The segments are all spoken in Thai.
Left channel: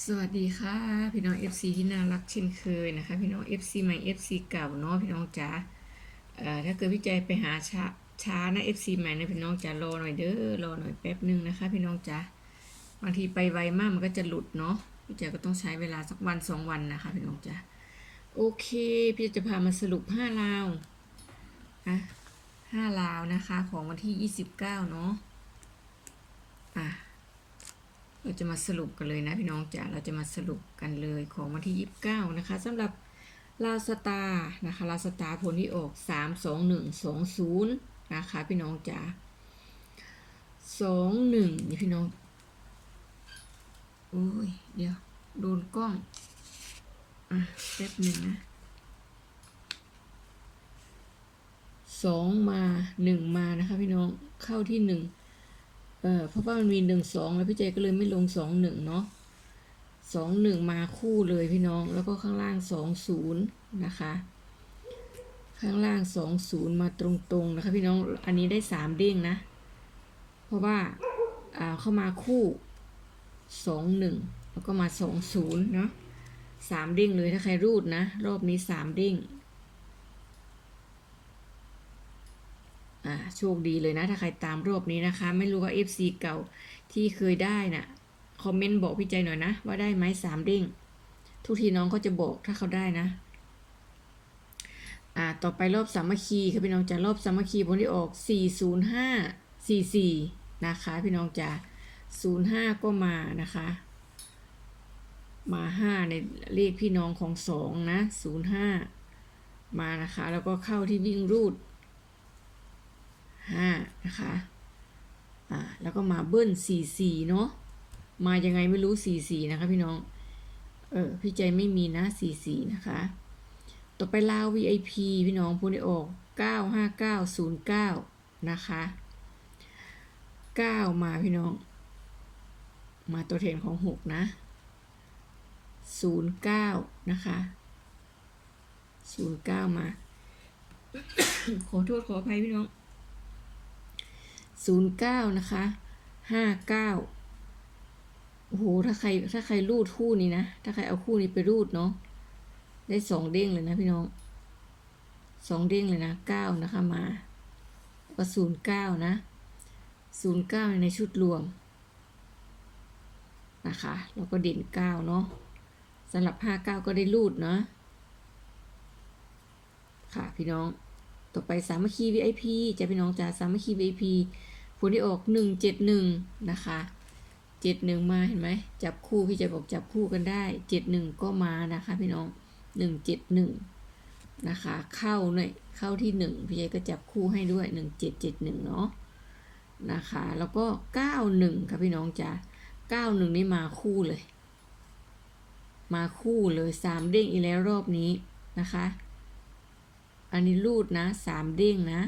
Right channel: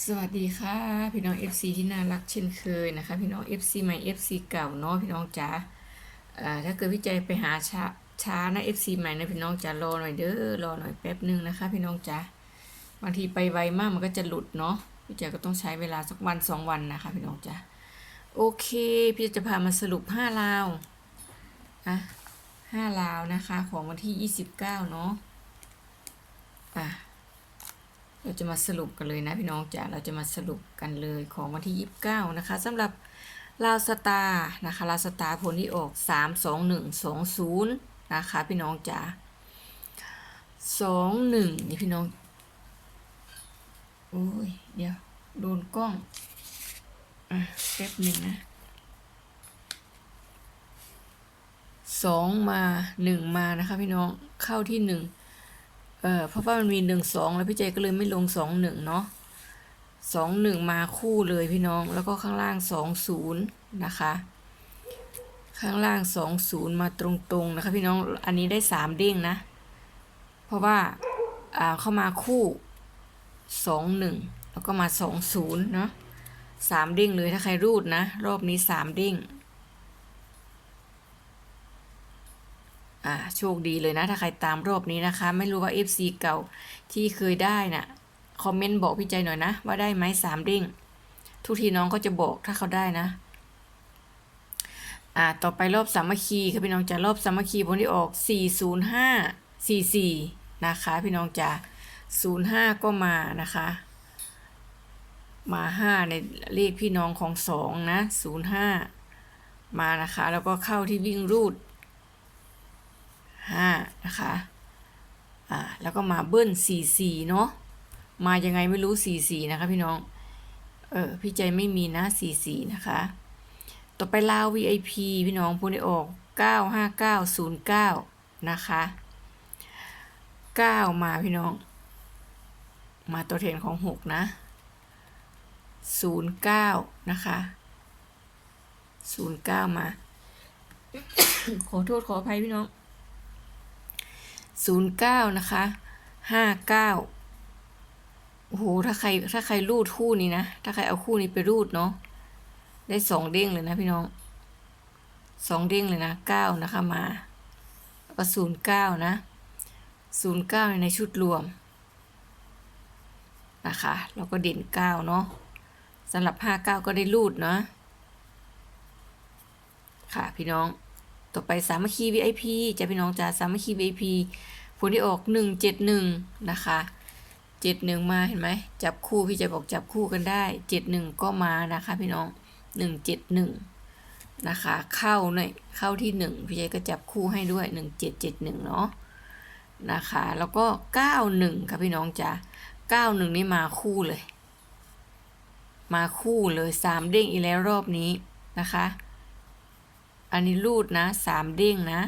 สวัสดีค่ะพี่น้อง FC ที่น่ารักเช่นเคยนะคะพี่น้อง FC ใหม่ FC เก่าเนาะพี่น้องจ๋าถ้าเกิดพี่ใจไปหาช้าช้านะ FC ใหม่นะพี่น้องจ๋ารอหน่อยเด้อรอหน่อยแป๊บนึงนะคะ พี่น้องจ๋าบางทีไปไวมากมันก็จะหลุดเนาะพี่ใจก็ต้องใช้เวลาสักวันสองวันนะคะ พี่น้องจ๋าโอเค พี่จะพามาสรุปห้าลาวอะห้าลาวนะคะ ของวันที่ยี่สิบเก้าเนาะ เราจะมาสรุปกันเลยนะพี่น้องจ๋าเราจะมาสรุปกันเลยของวันที่ 29 นะคะสำหรับลาวสตาร์นะคะลาวสตาร์ผลที่ออก 3 2 1 2 0 นะคะ พี่น้องจ๋า2 1 นี่พี่น้อง โอ้ย เดี๋ยว โดนกล้อง อะแป๊บหนึ่งนะสองมาหนึ่งมานะคะพี่น้องเข้าที่หนึ่ง เออเพราะว่ามันมีหนึ่งสองแล้วพี่เจก็เลยไม่ลงสองหนึ่งเนาะสองหนึ่งมาคู่เลยพี่น้อง แล้วก็ข้างล่างสองศูนย์นะคะ ข้างล่างสองศูนย์มาตรงๆนะคะ พี่น้องอันนี้ได้สามเด้งนะ เพราะว่าอ่าเข้ามาคู่สองหนึ่งแล้วก็มาสองศูนย์เนาะสามเด้งเลยถ้าใครรูดนะ รอบนี้สามเด้ง อ่าโชคดีเลยนะถ้าใครตามรอบนี้นะคะ ไม่รู้ว่า FC เก่าที่เคยได้น่ะคอมเมนต์บอกพี่ใจหน่อยนะ ว่าได้ไหมสามเด้งทุกทีน้องก็จะบอกถ้าเขาได้นะ อ่าต่อไปรอบสามัคคีค่ะพี่น้องจะรอบสามัคคีผลที่ออก 405 44 นะคะ พี่น้องจะ05 ก็มานะคะ มา 5 ในเลขพี่น้องของ 2 นะ 05 มานะคะ แล้วก็เข้าที่วิ่งรูด ห้านะคะ อ่า แล้วก็มาเบิ้ลสี่สี่เนาะ มายังไงไม่รู้สี่สี่นะคะพี่น้อง เออ พี่ใจไม่มีนะสี่สี่นะคะ ต่อไปลาว VIP พี่น้องพูดได้ออกเก้าห้าเก้าศูนย์เก้านะคะเก้ามาพี่น้อง มาตัวแทนของหกนะศูนย์เก้านะคะศูนย์เก้ามา ขอโทษขออภัยพี่น้อง ศูนย์เก้านะคะห้าเก้าโอ้โห ถ้าใครถ้าใครรูดคู่นี้นะ ถ้าใครเอาคู่นี้ไปรูดเนาะ ได้สองเด้งเลยนะพี่น้องสองเด้งเลยนะเก้านะคะมาแล้วก็ศูนย์เก้านะศูนย์เก้าในชุดรวมนะคะแล้วก็เด่นเก้าเนาะสำหรับห้าเก้าก็ได้รูดเนาะค่ะพี่น้อง ต่อไปสามัคคี VIP จะพี่น้องจ๋าสามัคคี VIP ผลที่ออก 171 นะคะ71 มาเห็นไหมจับคู่พี่จะบอกจับคู่กันได้ 71 ก็มานะคะพี่น้อง 171 นะคะ เข้าหน่อยเข้าที่ 1 พี่ใจก็จับคู่ให้ด้วย 1771 เนาะนะคะ แล้วก็ 91 ค่ะพี่น้องจ๋า91 นี่มาคู่เลย มาคู่เลย 3 เด้งอีกแล้วรอบนี้นะคะ อันนี้รูดนะสามเด้งนะ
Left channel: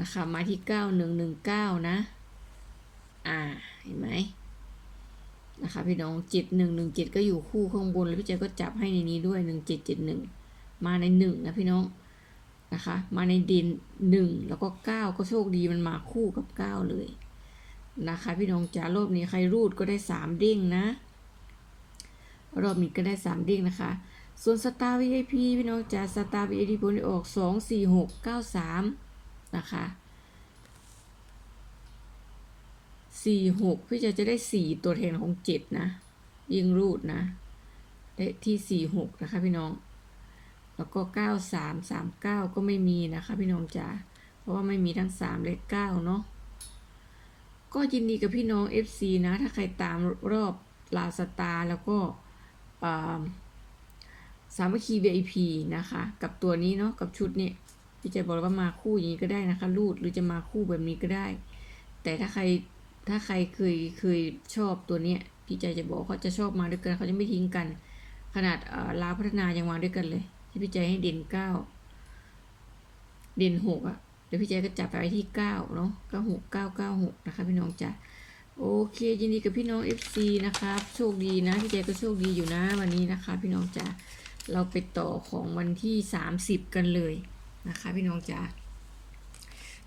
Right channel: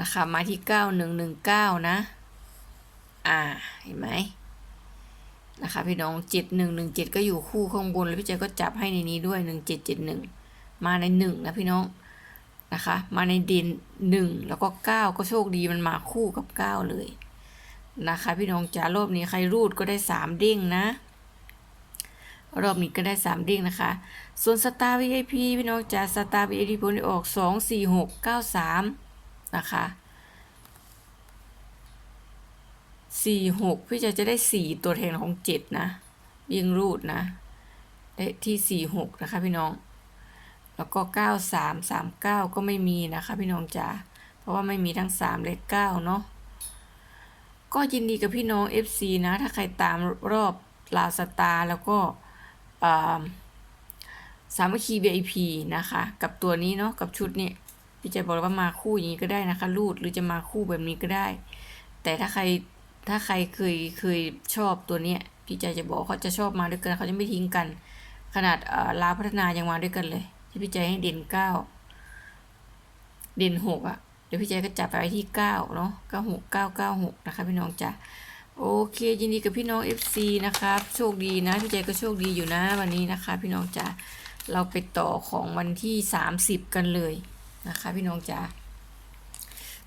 นะคะมาที่เก้าหนึ่งหนึ่งเก้านะ อ่าเห็นไหมนะคะพี่น้องเจ็ดหนึ่งหนึ่งเจ็ดก็อยู่คู่ข้างบนแล้วพี่ใจก็จับให้ในนี้ด้วยหนึ่งเจ็ดเจ็ดหนึ่งมาในหนึ่งนะพี่น้องนะคะ มาในด่นหนึ่งแล้วก็เก้าก็โชคดีมันมาคู่กับเก้าเลยนะคะ พี่น้องจ๋ารอบนี้ใครรูดก็ได้สามเด้งนะ รอบนี้ก็ได้สามเด้งนะคะ ส่วนสตาร์ VIP พี่น้องจ๋าสตาร์ VIP ผลออกสองสี่หกเก้าสามนะคะสี่หกพี่จะจะได้สี่ตัวแทนของเจ็ดนะ ยิงรูดนะ ได้ที่สี่หกนะคะพี่น้อง แล้วก็เก้าสามสามเก้าก็ไม่มีนะคะพี่น้องจ๋าเพราะว่าไม่มีทั้งสามและเก้าเนาะก็ยินดีกับพี่น้อง FC นะ ถ้าใครตามรอบลาวสตาร์แล้วก็ สามัคคี VIP นะคะ กับตัวนี้เนาะกับชุดนี่ยพี่จะบอกว่ามาคู่อย่างนี้ก็ได้นะคะ รูดหรือจะมาคู่แบบนี้ก็ได้ แต่ถ้าใครถ้าใครเคยเคยชอบตัวเนี้ยพี่ใจจะบอกเขาจะชอบมาด้วยกันเขาจะไม่ทิ้งกัน ขนาดเอ่อลาพัฒนายังมาด้วยกันเลยที่พี่ใจให้เด่นเก้าเด่นหกอะ่ะเดี๋ยวพี่ใจก็จับไปไว้ที่เก้าเนาะเก้าหกเก้าเก้าหกนะคะพี่น้องจ้ะ โอเคยินดีกับพี่น้อง FC นะครับ โชคดีนะ พี่ใจก็โชคดีอยู่นะวันนี้นะคะ พี่น้องจ้ะเราไปต่อของวันที่ 30 กันเลยนะคะ พี่น้องจ๋า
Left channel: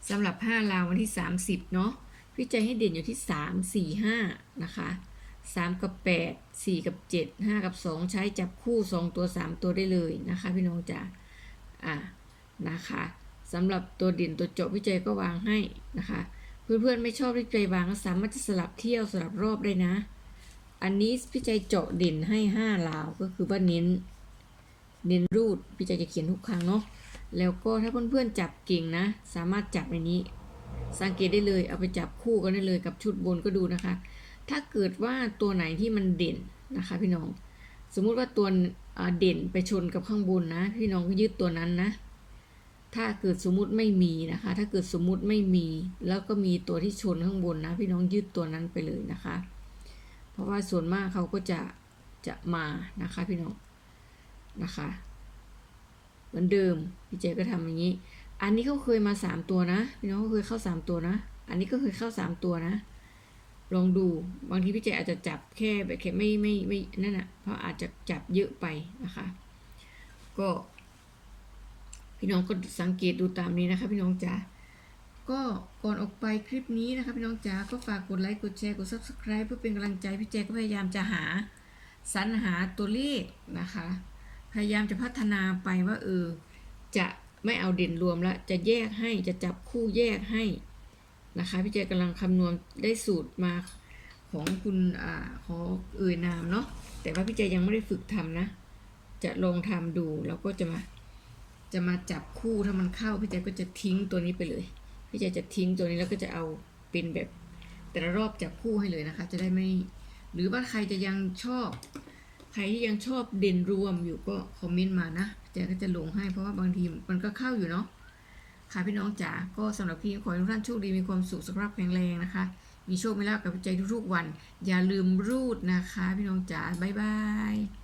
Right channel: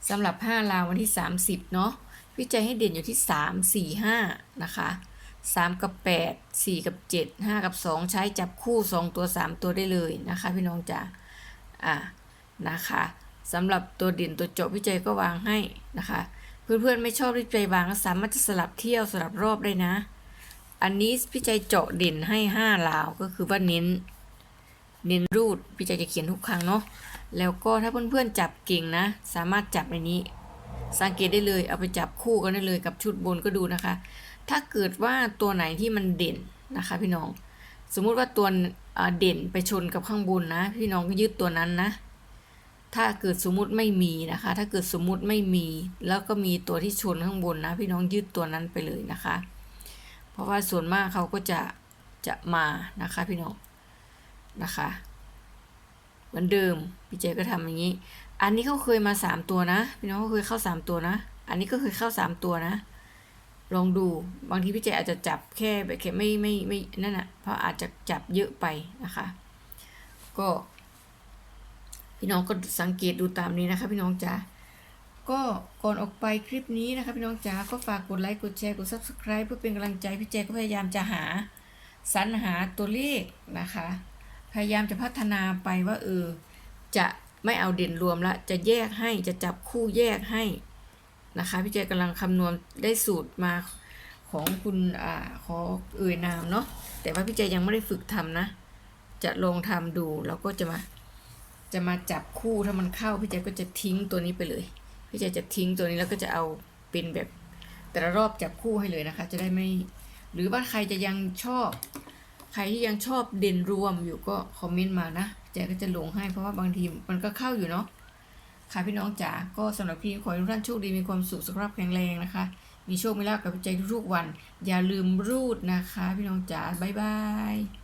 สำหรับ5ลาววันที่ 30 เนาะพี่ใจให้เด่นอยู่ที่ 3 4 5 นะคะสามกับแปดสี่กับเจ็ดห้ากับสองใช้จับคู่สองตัวสามตัวได้เลยนะคะ พี่น้องจ๋าอ่านะคะสำหรับตัวเด่นตัวจาะพี่ใจก็วางให้นะคะ เพื่อนๆไม่ชอบพี่ใจวางก็สามารถจะสลับเที่ยวสลับรอบได้นะ อันนี้พี่ใจเจาะเด่นให้ห้าลาวก็คือว่าเน้น เน้นรูดพี่ใจจะเขียนทุกครั้งเนาะแล้วก็ถ้าเพื่อนๆจับเก่งนะ สามารถจับในนี้ สังเกตได้เลยเอาไปจับคู่กันได้เลยกับชุดบนก็ดูนะคะ ถ้าเกิดว่าตัวไหนที่มันเด่นนะคะ พี่น้อง สมมุติว่าตัวเด่นไปชนกับข้างบนนะ พี่น้องก็ยึดตัวนั้นนะ ถ้าเกิดสมมุติไม่มีนะคะ ถ้าเกิดสมมุติไม่มี แล้วก็มีตัวที่ชนข้างบนนะ พี่น้องยึดตัวนั้นไปเลยนะคะ เพราะว่าส่วนมากเขาก็จะจะมานะคะพี่น้องนะคะเหมือนเดิมพี่เจก็ทำอย่างนี้ อันนี้เขาเคยมาสามตัวนะ พี่น้องเขาเคยเข้าสามตัวนะ อันนี้ก็เคยเข้าสามตัวนะ ลองดูบางทีพี่เจอาจจะจับแค่แบบแค่ไม่ไม่ไม่นั่นอะเพราะอาจจะจับเยอะไปนะคะ ก็ พี่น้องก็สังเกตดูตามนี้นะคะ พี่น้องจ๋าก็ก่อนออกไปคลิปนี้นะคะ พี่น้องจ๋าก็ฝากกดไลค์กดแชร์กด subscribe เพื่อเป็นกำลังใจพี่เจก็พยายามจะหาสรรหาตัวเลขนะคะ พยายามจะพัฒนาไปว่าเออจะไม่เอาเด่นรวมละจะแยกให้จะจับคู่แยกให้นะคะพี่เจกำลังคำนวณได้สูตรมาของคุณอ่าขอเอ่ยนามเนาะแต่ว่าพี่เจยังไม่ได้ฝึกทำนะ จะลองทำดูแล้วก็จะมา จะมาจับคู่ถ้ามันเข้าพี่เจก็จะทิ้งตัวนี้ไปเลย พี่เจจะทิ้งตัวนี้แล้วก็จะเอาเป็นแบบแต่ละรอบจับคู่ให้เลยนะคะ จะได้ไม่ หรือว่าใครจะยังชอบ ใครที่ยังชอบเด่นรวมอยู่ก็คอมเมนต์มานะเจก็จะลงให้เพราะว่าบางทีมันก็เข้าอยู่เนาะค่ะพี่น้องจ๋าก็สำหรับคลิปนี้ขอให้ทุกท่านโชคดีมีความสุขสุขภาพแข็งแรงนะคะ มีโชคมีลาภกับใจทุกๆวัน อย่าลืมรูดนะคะ พี่น้องจ๋าบ๊ายบาย